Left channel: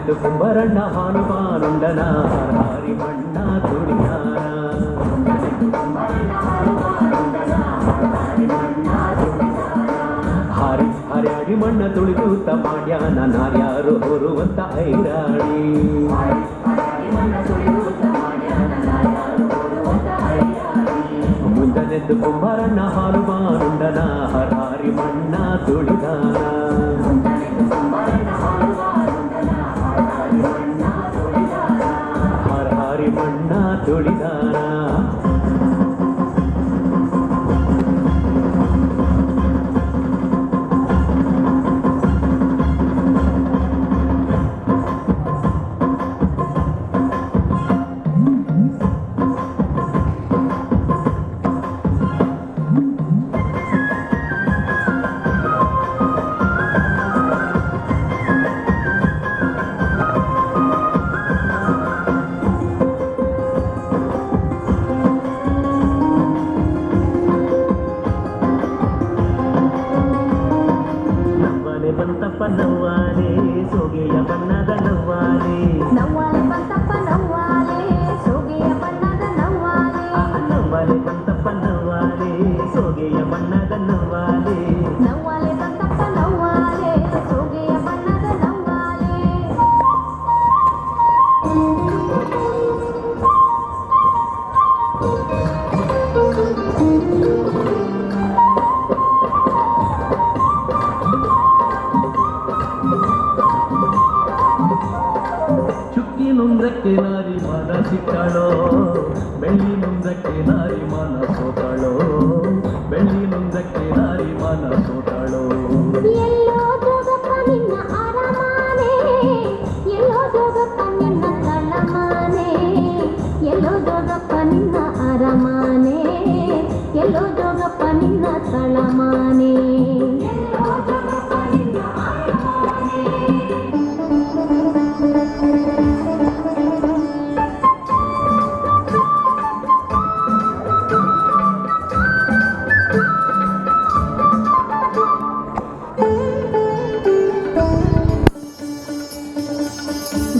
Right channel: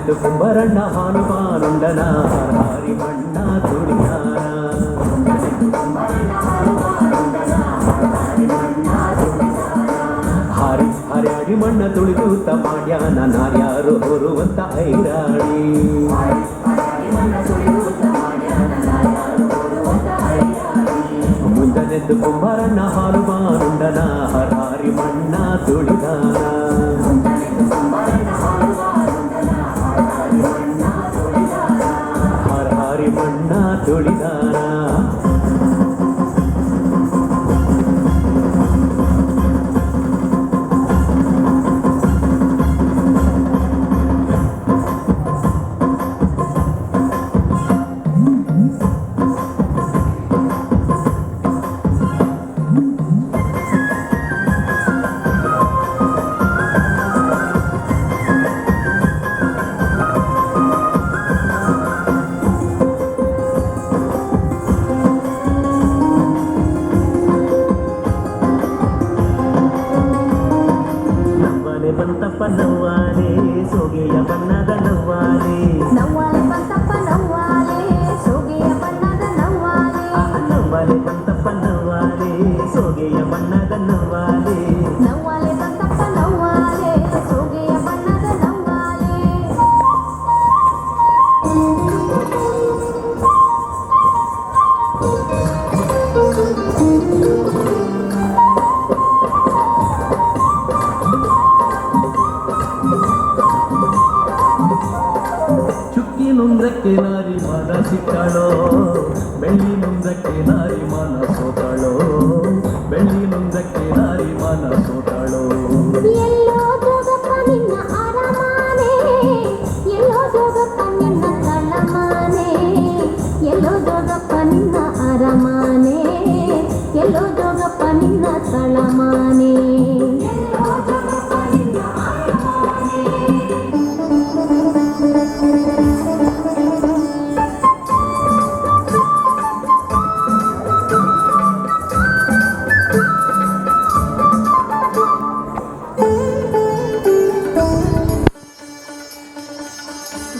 ಮುಂಜಾನೆದ್ದು ಕುಂಬರಣ್ಣ ಹಾನುಮಾನುಂಡನ ಹಾರಿ ಮಣ್ಣ ತುಳಿದಾನ ಹಾರಿ ಹಾರಿ ಮಣ್ಣ ತುಳಿದೂತ ಮಾಡ್ಯಾನ ನಾರ್ಯಾರು ಹೊರುವಂತ ಐರಾಣಿ ಮುಂಜಾನೆದ್ದು ಕುಂಬರಣ್ಣ ಹಾನುಮಾನುಂಡನ ಹಾರಿ ಮಣ್ಣ ತುಳಿದಾನ ಹಾರಿ ಮಣ್ಣ ತುಳಿದಾನ ಬಂತಪ್ಪ ನವ್ವಾಲೆ ಸೋಗೆಯ ಬಣ್ಣದ ನವ್ವಾಲೆ ನವ್ವಾಲೆ ಬಂತಪ್ಪ ನವ್ವಾಲೆ ಸೋಗೆಯ ಬಣ್ಣದ ನವ್ವಾಲೆ ನವ್ವಾಲೆ ಬಂತಪ್ಪ ನವ್ವಾಲೆ ಸೋಗೆಯ ಬಣ್ಣದ ನವ್ವಾಲೆ ನವ್ವಾಲೆ ಬಂತಪ್ಪ ನವ್ವಾಲೆ ಸೋಗೆಯ ಬಣ್ಣದ ನವ್ವಾಲೆ ಚುಕ್ಕಿ ನುಂದ್ರಕ್ಕೆ ನಾರಿ ಮನ ಸಿಕ್ಕಳೋ ಬೆಳ್ಳಿ ನುಂದ್ರಕ್ಕೆ ನಾರಿ ಮನ ಸೋತಳೋ ಬೆಳ್ಳಿ ನುಂದ್ರಕ್ಕೆ ನಾರಿ ಮನ ಸೋತಳೋ ಎಲ್ಲೋ ಜೋಗಪ್ಪ ನಿನ್ನ ಅರಮಾನೆ ಎಲ್ಲೋ ಜೋಗಪ್ಪ ನಿನ್ನ ತಳಮಾನೆ ಎಲ್ಲೋ ಜೋಗಪ್ಪ ನಿನ್ನ ಅರಮಾನೆ ಎಲ್ಲೋ ಜೋಗಪ್ಪ ನಿನ್ನ ತಳಮಾನೆ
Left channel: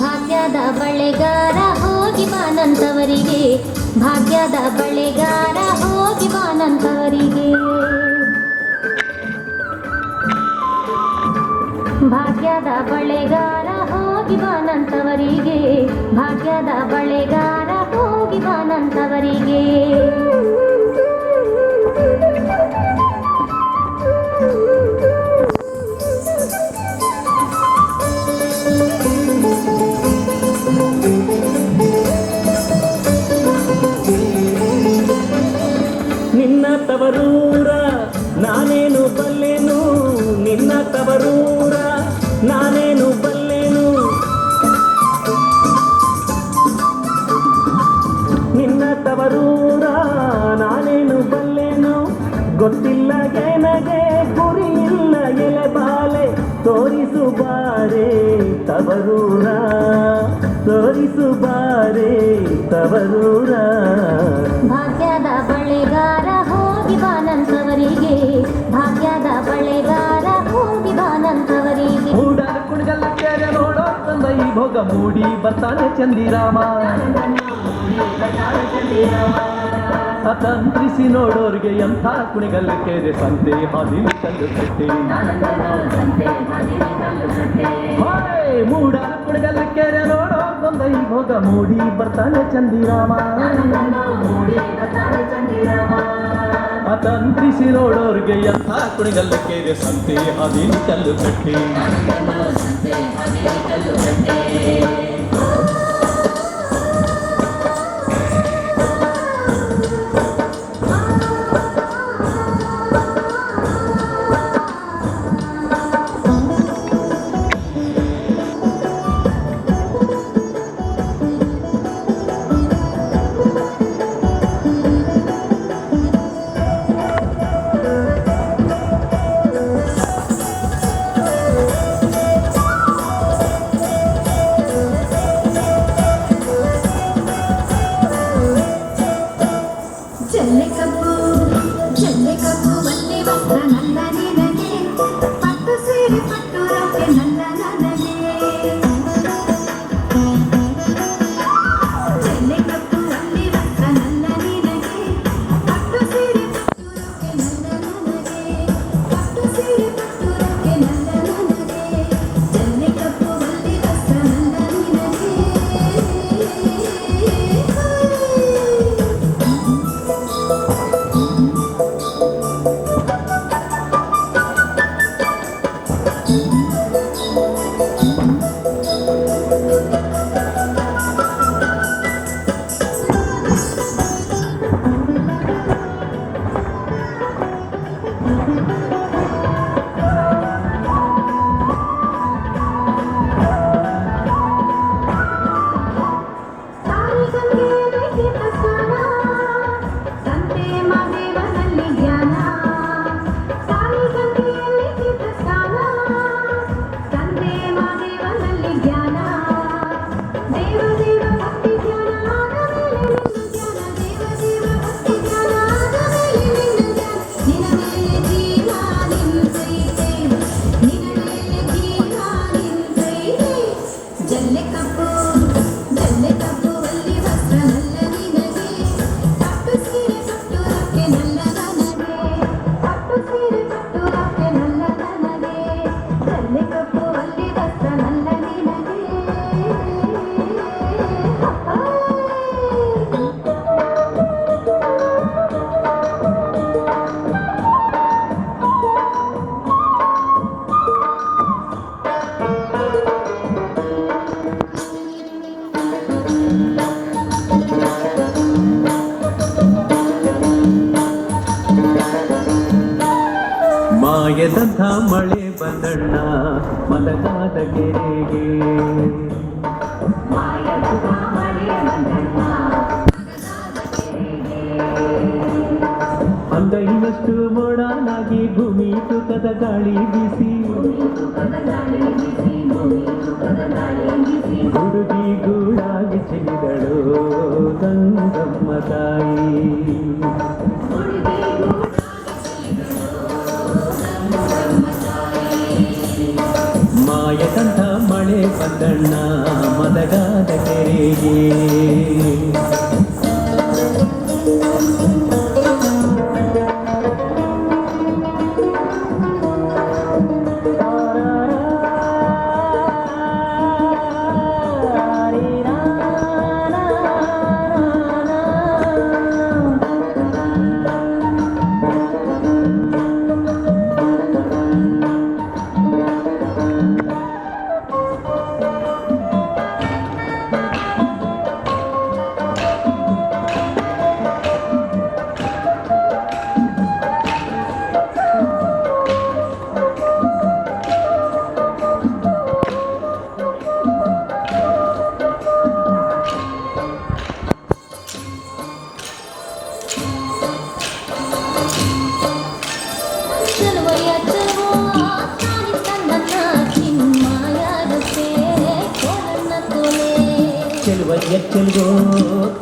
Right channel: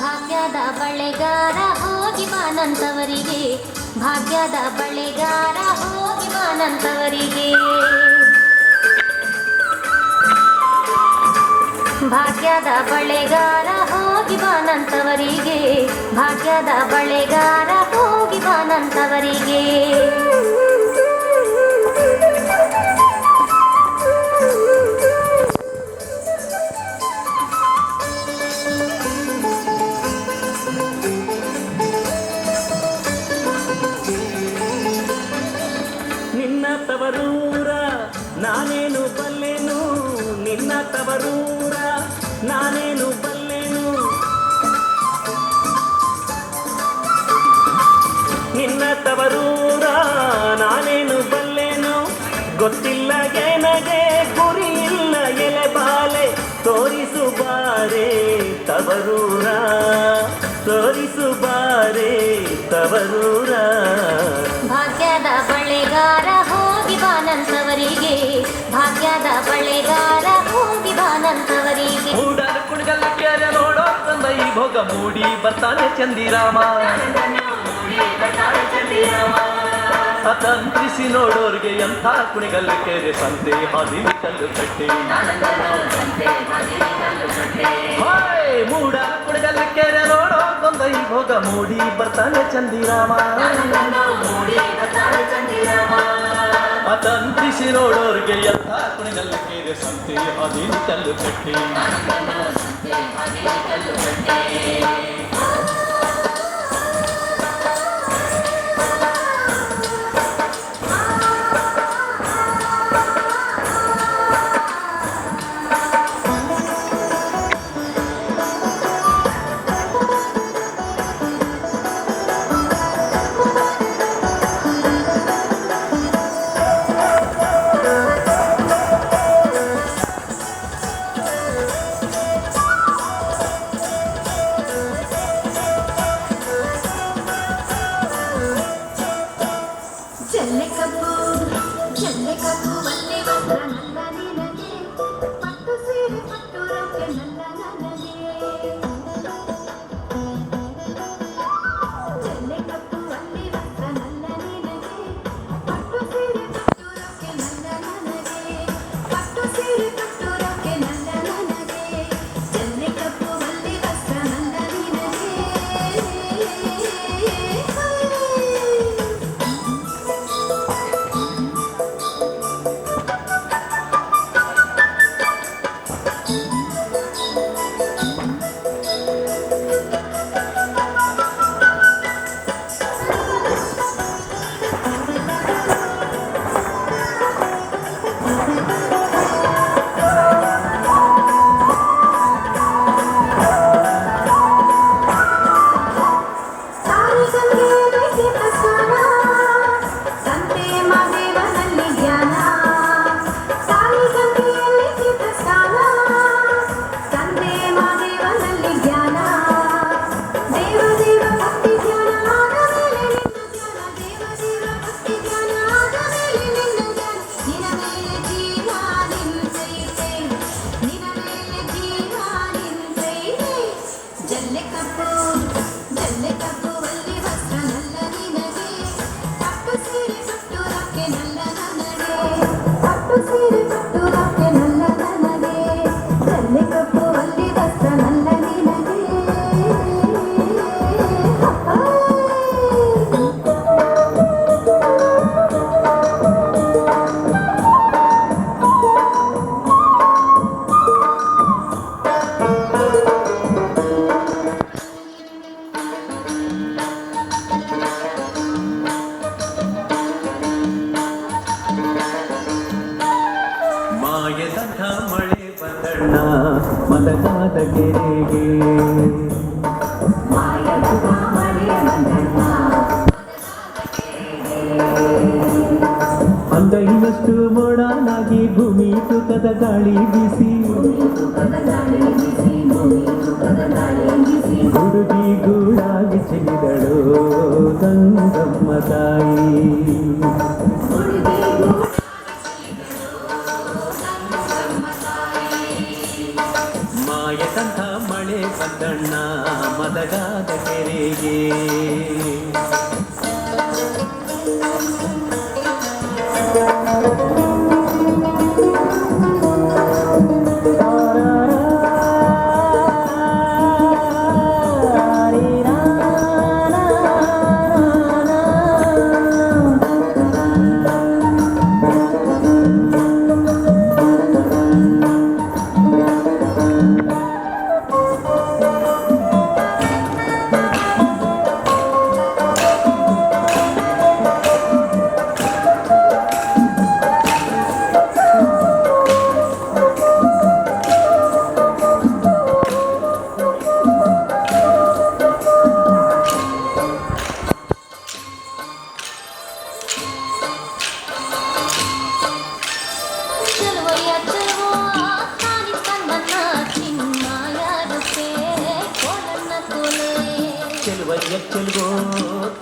ಭಾಗ್ಯದ ಬಳೆಗಾರ ಹೋಗಿ ಬಾನಂತವರಿಗೆ ಭಾಗ್ಯದ ಬಳೆಗಾರ ಹೋಗಿ ಬಾನಂತವರಿಗೆ ಭಾಗ್ಯದ ಬಳೆಗಾರ ಹೋಗಿ ಬಾನಂತವರಿಗೆ ಭಾಗ್ಯದ ಬಳೆಗಾರ ಹೋಗಿ ಬಾನಂತವರಿಗೆ ನಿನ್ನ ತವರೂರ ನಾನೇನು ಬಲ್ಲೆನು ನಿನ್ನ ತವರೂರ ನಾನೇನು ಬಲ್ಲೆನು ನಿನ್ನ ತವರೂರ ನಾನೇನು ಬಲ್ಲೆನು ಗೊತ್ತಿಲ್ಲ ನನಗೆ ಗುರಿ ಇಲ್ಲ ಎಲೆ ಬಾಲೆ ತೋರಿಸು ಬಾರೆ ತವರೂರ ತೋರಿಸು ಬಾರೆ ತವರೂರ ಭಾಗ್ಯದ ಬಳೆಗಾರ ಹೋಗಿ ಬಾನಂತವರಿಗೆ ಭಾಗ್ಯದ ಬಳೆಗಾರ ಹೋಗಿ ಬಾನಂತವರಿಗೆ ಮೂಡ ಕುಣಗಲ್ಲ ಕೆರೆ ನೋಡೋ ತಂದ ಈ ಭೋಗ ಮೂಡಿ ಬರ್ತಾನೆ ಚಂದಿರಾಮ ತಂತ್ರಿಸಿ ನೋಡೋರ್ಗೆ ಎಂಥ ಕುಣಿಗಲ್ಲ ಕೆರೆ ಸಂತೆ ಹಾದಿ ಕಲ್ಲು ಕಟ್ಟಿ ಮೂಡ ಕುಣಿಗಲ್ಲ ಕೆರೆ ನೋಡೋ ತಂದ ಈ ಭೋಗ ಮೂಡಿ ಬರ್ತಾನೆ ಚಂದಿರಾಮ ತಂತ್ರಿಸಿ ನೋಡೋರ್ಗೆ ಎಂಥ ಕುಣಿಗಲ್ಲ ಕೆರೆ ಸಂತೆ ಹಾದಿ ಕಲ್ಲು ಕಟ್ಟಿ ಜಲ್ಲೆ ಕಪ್ಪು ಅಲ್ಲಿ ವಸ್ತ್ರ ನಲ್ಲ ನಿನಗೆ ಪಟ್ಟು ಸೀರೆ ಕಟ್ಟುವುದಕ್ಕೆ ನಲ್ಲ ನನಗೆ ಪಟ್ಟು ಸೀರೆ ಕಟ್ಟುವುದಕ್ಕೆ ನಲ್ಲ ನನಗೆ ಜಲ್ಲೆ ಕಪ್ಪು ಅಲ್ಲಿ ವಸ್ತ್ರ ನಲ್ಲ ನಿನಗೆ ಮಾಯದಂಥ ಮಳೆ ಬಂದಣ್ಣ ಮಲಗಾದ ಕೆರೆಗೆ ಅಂಗೈನಷ್ಟು ಮೋಡಾನಾಗಿ ಭೂಮಿ ತೂಕದ ಗಾಳಿ ಬೀಸಿ ಹುಡುಗಿ ಗೂಡಾಗಿ ಚಿಲಿದಳು ಗಂಗಮ್ಮ ತಾಯಿ ಮಾಯದಂಥ ಮಳೆ ಬಂದಣ್ಣ ಮದಗಾದ ಕೆರೆಗೆ ಚೆಲ್ವೋ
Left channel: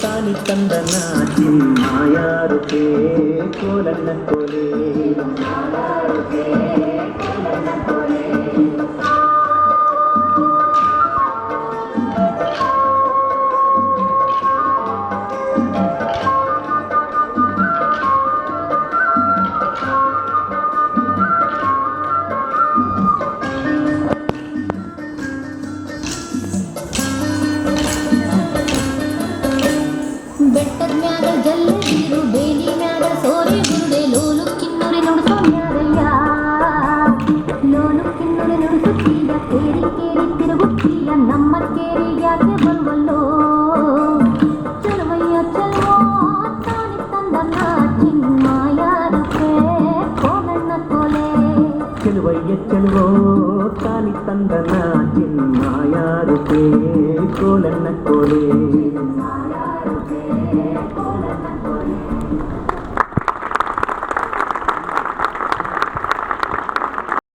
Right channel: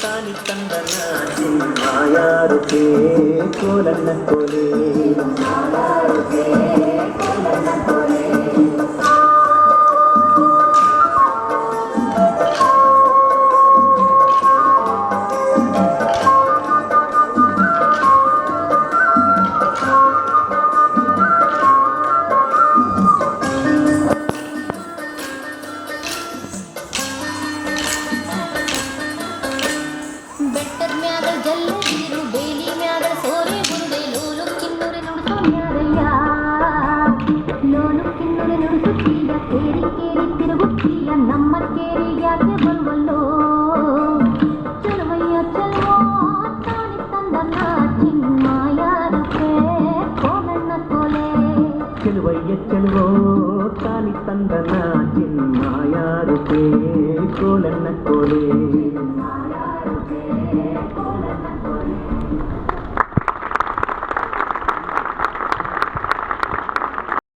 ತಾನಿ ತಂದನ ಚಿನ್ಮಾಯಾರುಕೆ ಕೋಲನ್ನ ಕೋಲೆ ಬೆಟ್ಟದ ಮ್ಯಾಗ ಜಲ್ಲೆ ನೀರು ಬೇಲಿ ಮ್ಯಾಗ ಸೋರಿ ಗುರುಡೆ ಲೋಲು ಕಿನ್ನೂರಿ ನುಡಿಸೋ ಮ್ಯಾರಯ್ಯ ಲೋಲು ಕಿನ್ನೂರಿ ನುಡಿಸುತ್ತೀಯ ಕೇರಿ ಕೇರಿ ತಿರುಗುತ್ತೀಯ ನಮ್ಮ ಕೇರಿ ಯಾಕೆ ಬಲ್ವಲ್ಲೋ ಚಲವಯ್ಯ ಚಲೋ ತಾನಿ ತಂದನ ಚಿನ್ಮಾಯಾರುಕೆ ಕೋಲಣ್ಣ ಕೋಲೆ ಚೆಲುವಯ್ಯ ಚೆಲುವೋ ತಾನಿ ತಂದನ ಚಿನ್ಮಾಯಾರುಕೆ ಕೋಲನ್ನ ಕೋಲೆ